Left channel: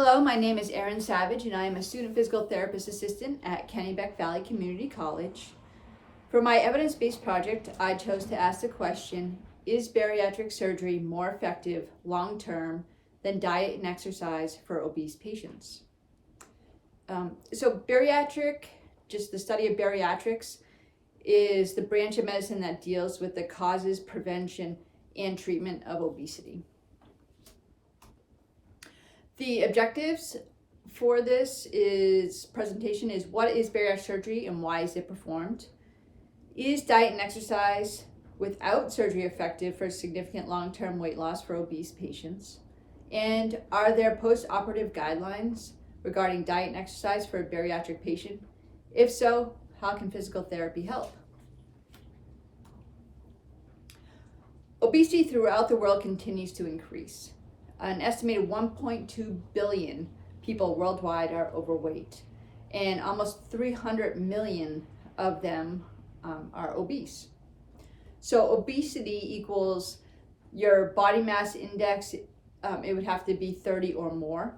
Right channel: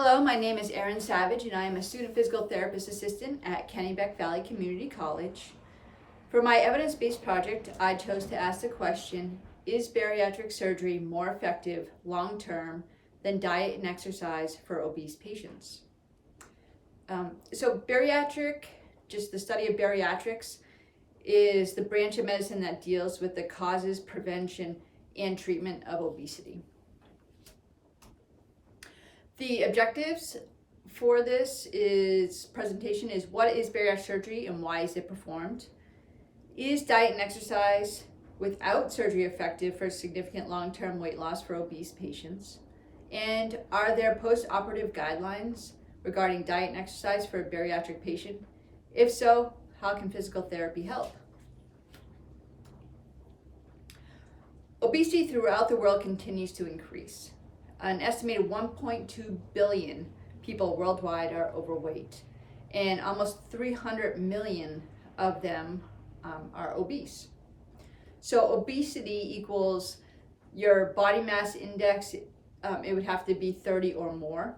Hello, my name is Erin Savage and I am a student physical therapist assistant at Kennebec Valley Community College. For my evidence-based project, I chose to ask the question, is bariatric surgery more effective long-term than diet and exercise for obese patients? So bariatric, just the study of bariatrics, is the branch of medicine that deals with the causes, prevention, and treatment of obesity. The objectives for this presentation is what is bariatric surgery and why is it performed? Is diet and exercise without surgery effective for significant long-term weight loss for obese patients? And are there post-operative guidelines regarding diet and exercise for a bariatric patient? If so, how can physical therapy help? Obesity throughout the world continues to increase. An estimated 1.2 billion people worldwide are overweight, and almost 300 million of them are obese. So obesity equals your body mass index, it would have to be 30 or more.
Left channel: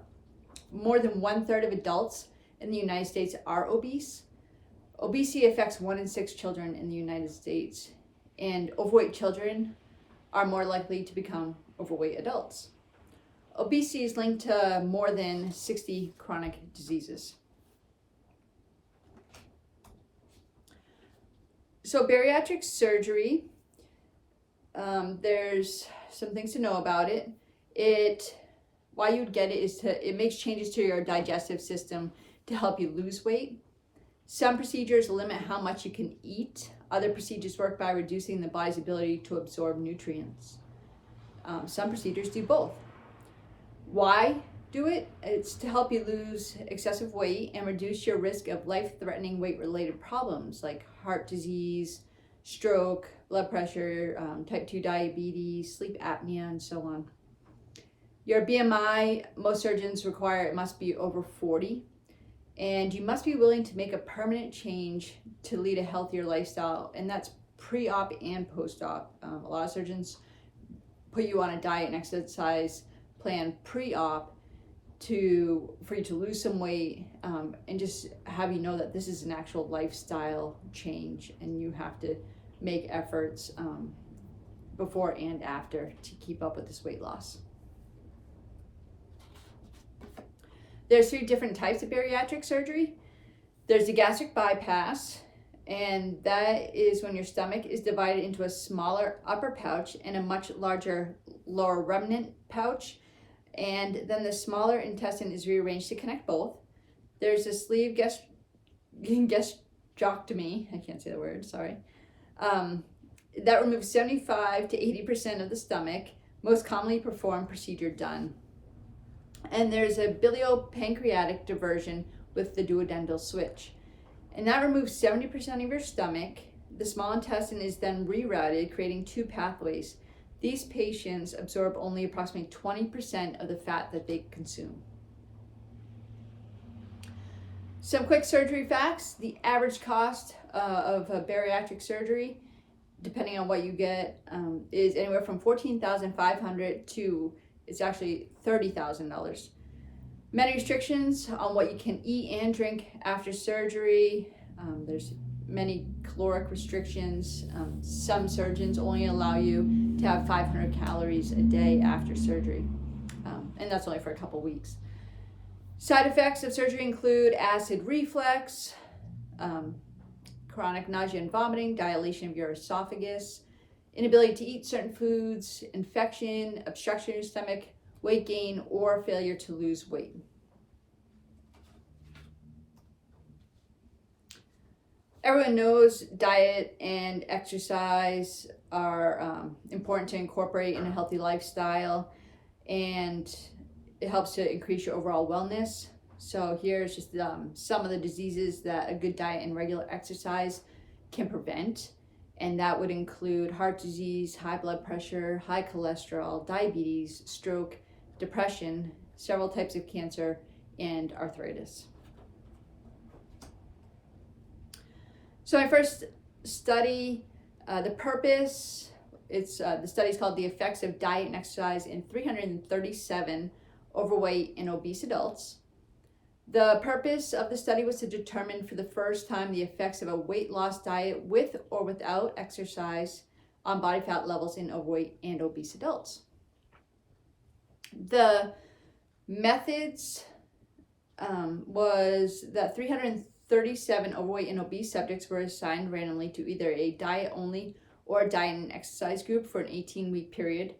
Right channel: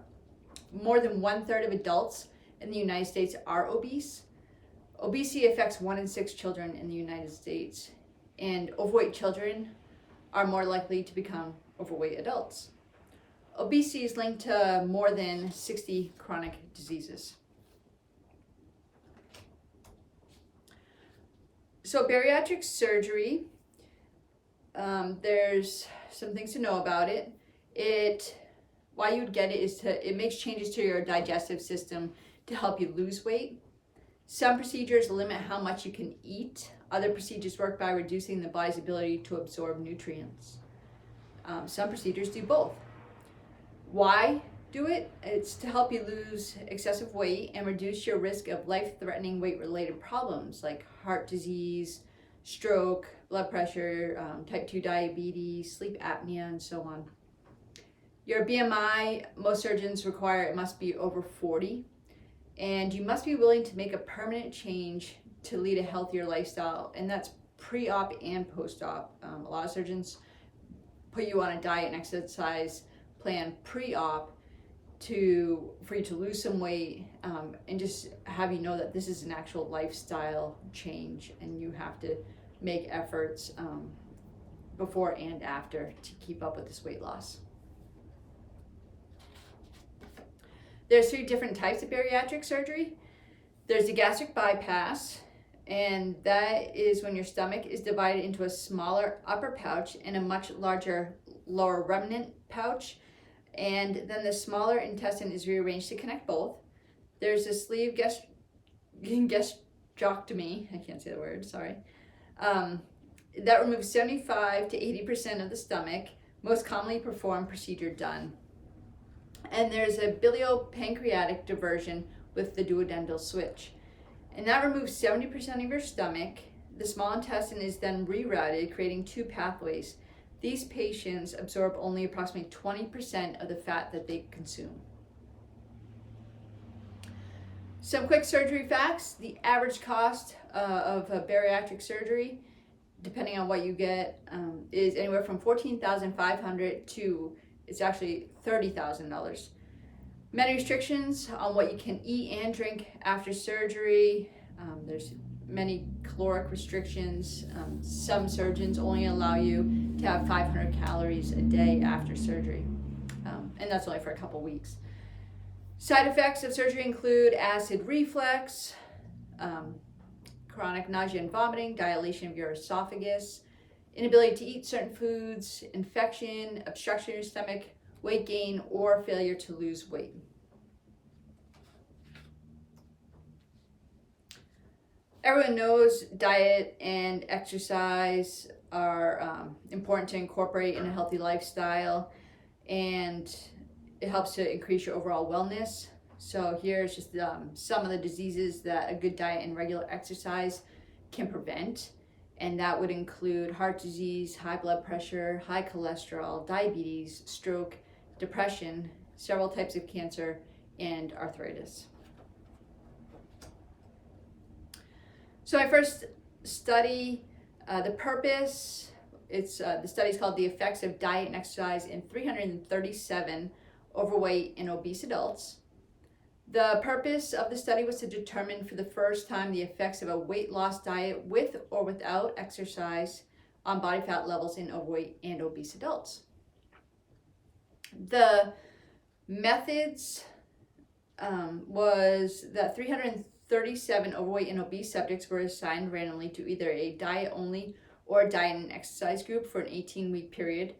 More than 1/3 of adults in the United States are obese. Obesity affects 1 in 6 children in the United States, and overweight children are more likely to become overweight adults. Obesity is linked to more than 60 chronic diseases. So bariatric surgery, there's some things to know about it. Why you would get it is it makes changes to your digestive system to help you lose weight. Some procedures limit how much you can eat. Other procedures work by reducing the body's ability to absorb nutrients. Some procedures do both. Why do it? It's to help you lose excessive weight and reduce your risk of life-threatening weight-related problems like heart disease, stroke, blood pressure, type 2 diabetes, sleep apnea, and so on. Your BMI, most surgeons require it must be over 40, and you must be willing to make a permanent change to lead a healthier lifestyle, and that's pre-op and post-op. A lot of surgeons put you on a diet and exercise plan pre-op for you to lose some weight, and just have you know that this is an actual lifestyle change and you have to make efforts before and after to keep up with this weight loss. There's 3 different types of bariatric surgery. There's the gastric bypass, and that is when your stomach is divided into a smaller upper pouch and a much larger lower remnant pouch, and then the smaller intestine is rearranged to connect both. There's a sleeve gastrectomy, I can't say the word, sorry, that removes 75 to 80% of the stomach, most commonly performed procedure done. And there's a biliopancreatic diversion with the duodenal switch, and that removes 70% of your stomach. The small intestine is then rerouted, creating 2 pathways. These patients absorb only approximately 20% of the fat that they consume. Some quick surgery facts. The average cost of a bariatric surgery, depending on what you get, is anywhere from $14,500 to it's actually $30,000. Many restrictions on what you can eat and drink after surgery. There's many caloric restrictions. Some surgeons only allow you to have 500 calories a day after surgery, and that's only for a couple weeks. Side effects of surgery include acid reflux, chronic nausea and vomiting, dilation of your esophagus, inability to eat certain foods, infection, obstruction of your stomach, weight gain, or failure to lose weight. Everyone knows diet and exercise are important to incorporate in a healthy lifestyle, and it helps to increase your overall wellness. So here's just some of the diseases that a good diet and regular exercise can prevent. And that would include heart disease, high blood pressure, high cholesterol, diabetes, stroke, depression, several types of cancer, and arthritis. So my first study, the purpose, the study is called The Effects of Diet and Exercise in 337 overweight, and obese adults. The purpose of the study was to determine for the first time the effects of a weight loss diet with or without exercise on body fat levels in overweight and obese adults. The methods was that 337 overweight and obese subjects were assigned randomly to either a diet only or a diet and exercise group for an 18-week period.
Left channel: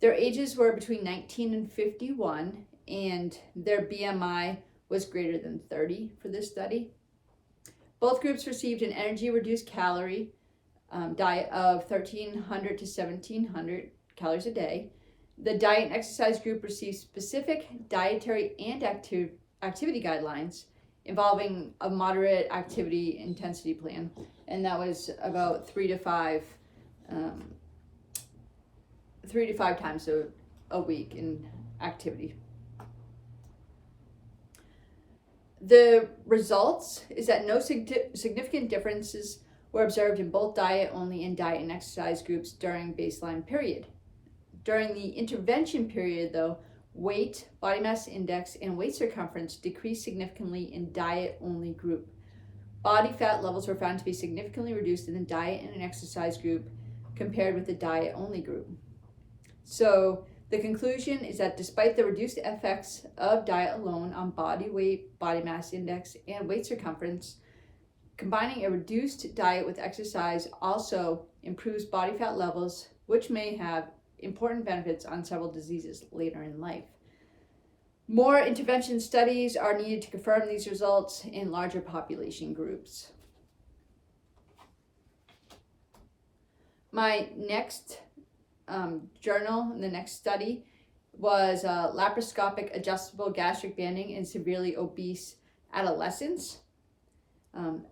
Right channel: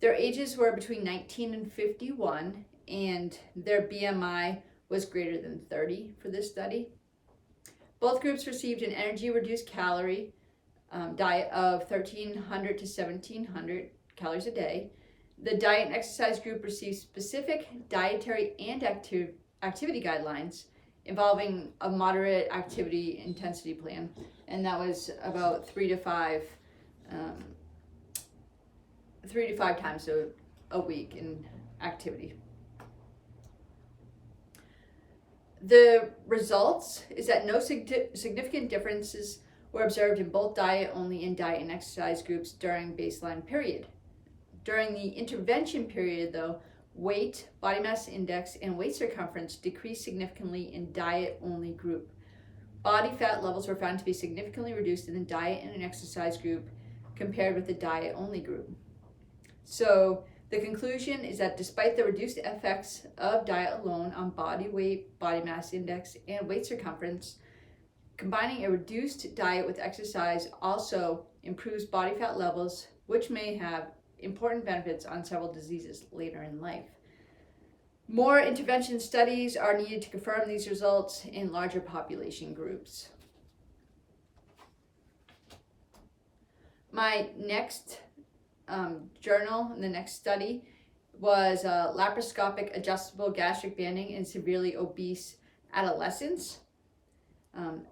Their ages were between 19 and 51, and their BMI was greater than 30 for this study. Both groups received an energy reduced calorie diet of 1,300 to 1,700 calories a day. The diet and exercise group received specific dietary and activity guidelines involving a moderate activity intensity plan, and that was about 3 to 5 times a week in activity. The results is that no significant differences were observed in both diet only and diet and exercise groups during baseline period. During the intervention period, though, weight, body mass index, and waist circumference decreased significantly in diet only group. Body fat levels were found to be significantly reduced in the diet and an exercise group compared with the diet only group. So the conclusion is that despite the reduced effects of diet alone on body weight, body mass index, and waist circumference, combining a reduced diet with exercise also improves body fat levels, which may have important benefits on several diseases later in life. More intervention studies are needed to confirm these results in larger population groups. My next journal, the next study, was laparoscopic adjustable gastric banding in severely obese adolescents.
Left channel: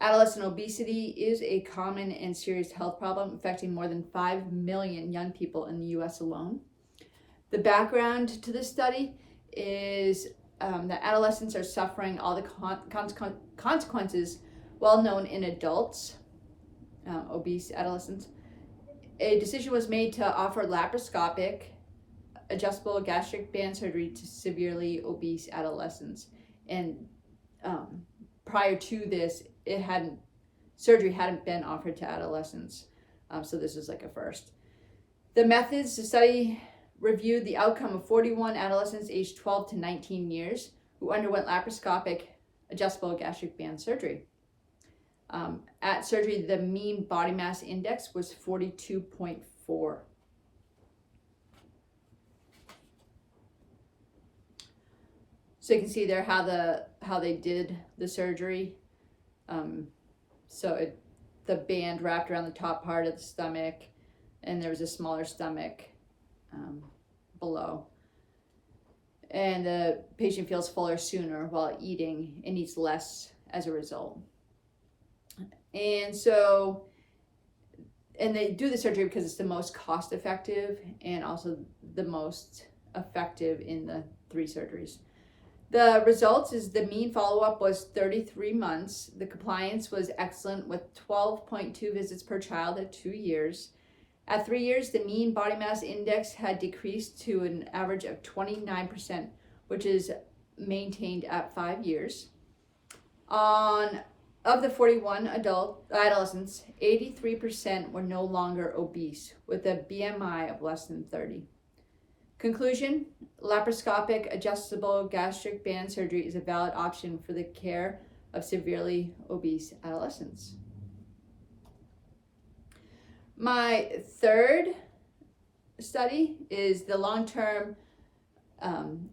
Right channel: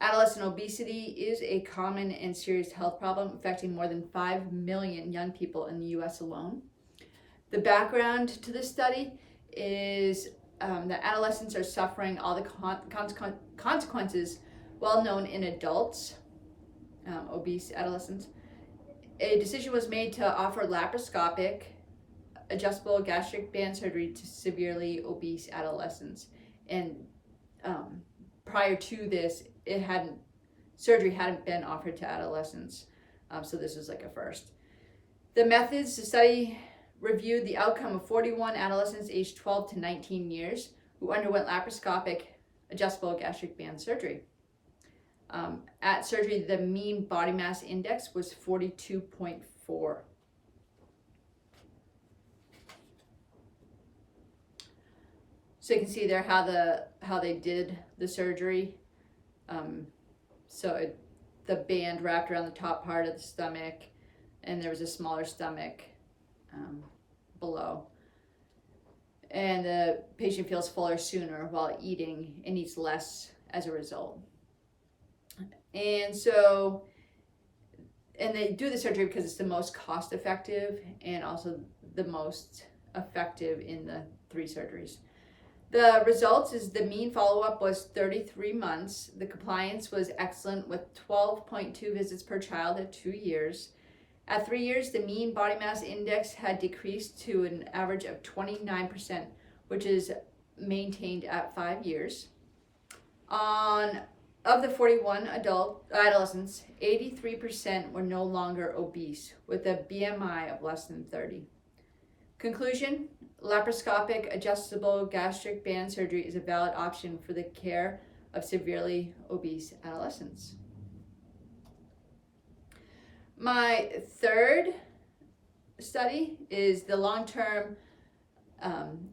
Adolescent obesity is a common and serious health problem affecting more than 5 million young people in the US alone. The background to this study is that adolescents are suffering all the consequences well known in adults, obese adolescents. A decision was made to offer laparoscopic adjustable gastric band surgery to severely obese adolescents. And prior to this, surgery hadn't been offered to adolescents. So this was like a first. The methods, the study reviewed the outcome of 41 adolescents aged 12 to 19 years who underwent laparoscopic adjustable gastric band surgery. At surgery, the mean body mass index was 42.4. So you can see there how they did the surgery. The band wrapped around the top part of the stomach, and there was a smaller stomach below. And the patient feels fuller sooner while eating and eats less as a result. And they do the surgery because it's the most cost effective and also the most effective in the 3 surgeries. The results is the mean follow-up was 33 months. The compliance was excellent with 12.2 visits per child at 2 years. At 3 years, the mean body mass index had decreased to an average of 29%, which is maintained at 5 years. Of the 41 adolescents, 83% were no longer obese with a BMI of less than 30. Conclusion, laparoscopic adjustable gastric band surgery is a valid option for the care of severely obese adolescents. My third study is the long-term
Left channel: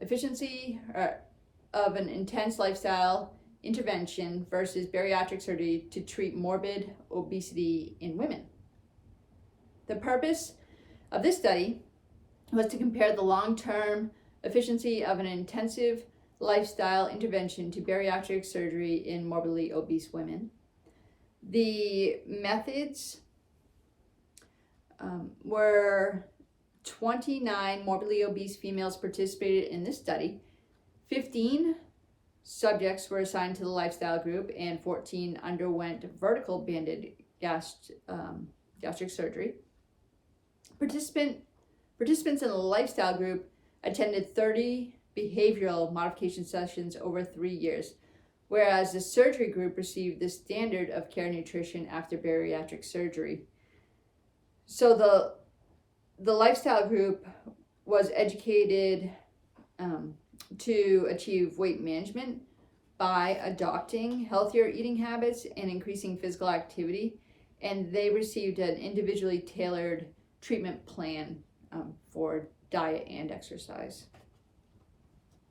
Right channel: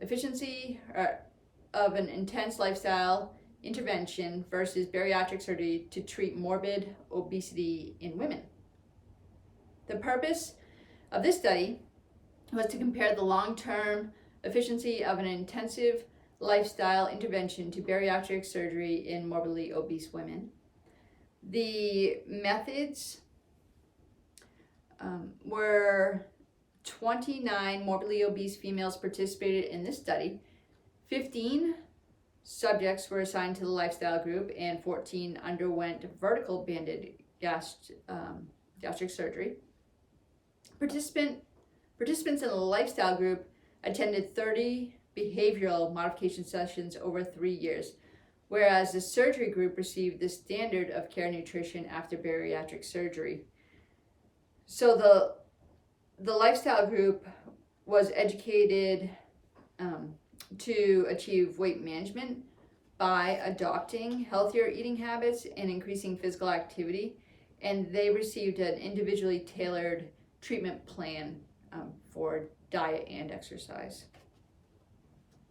efficiency of an intense lifestyle intervention versus bariatric surgery to treat morbid obesity in women. The purpose of this study was to compare the long-term efficiency of an intensive lifestyle intervention to bariatric surgery in morbidly obese women. The methods were 29 morbidly obese females participated in this study. 15 subjects were assigned to the lifestyle group and 14 underwent vertical banded gastric surgery. Participants in the lifestyle group attended 30 behavioral modification sessions over 3 years, whereas the surgery group received the standard of care nutrition after bariatric surgery. So the lifestyle group was educated to achieve weight management by adopting healthier eating habits and increasing physical activity, and they received an individually tailored treatment plan for diet and exercise.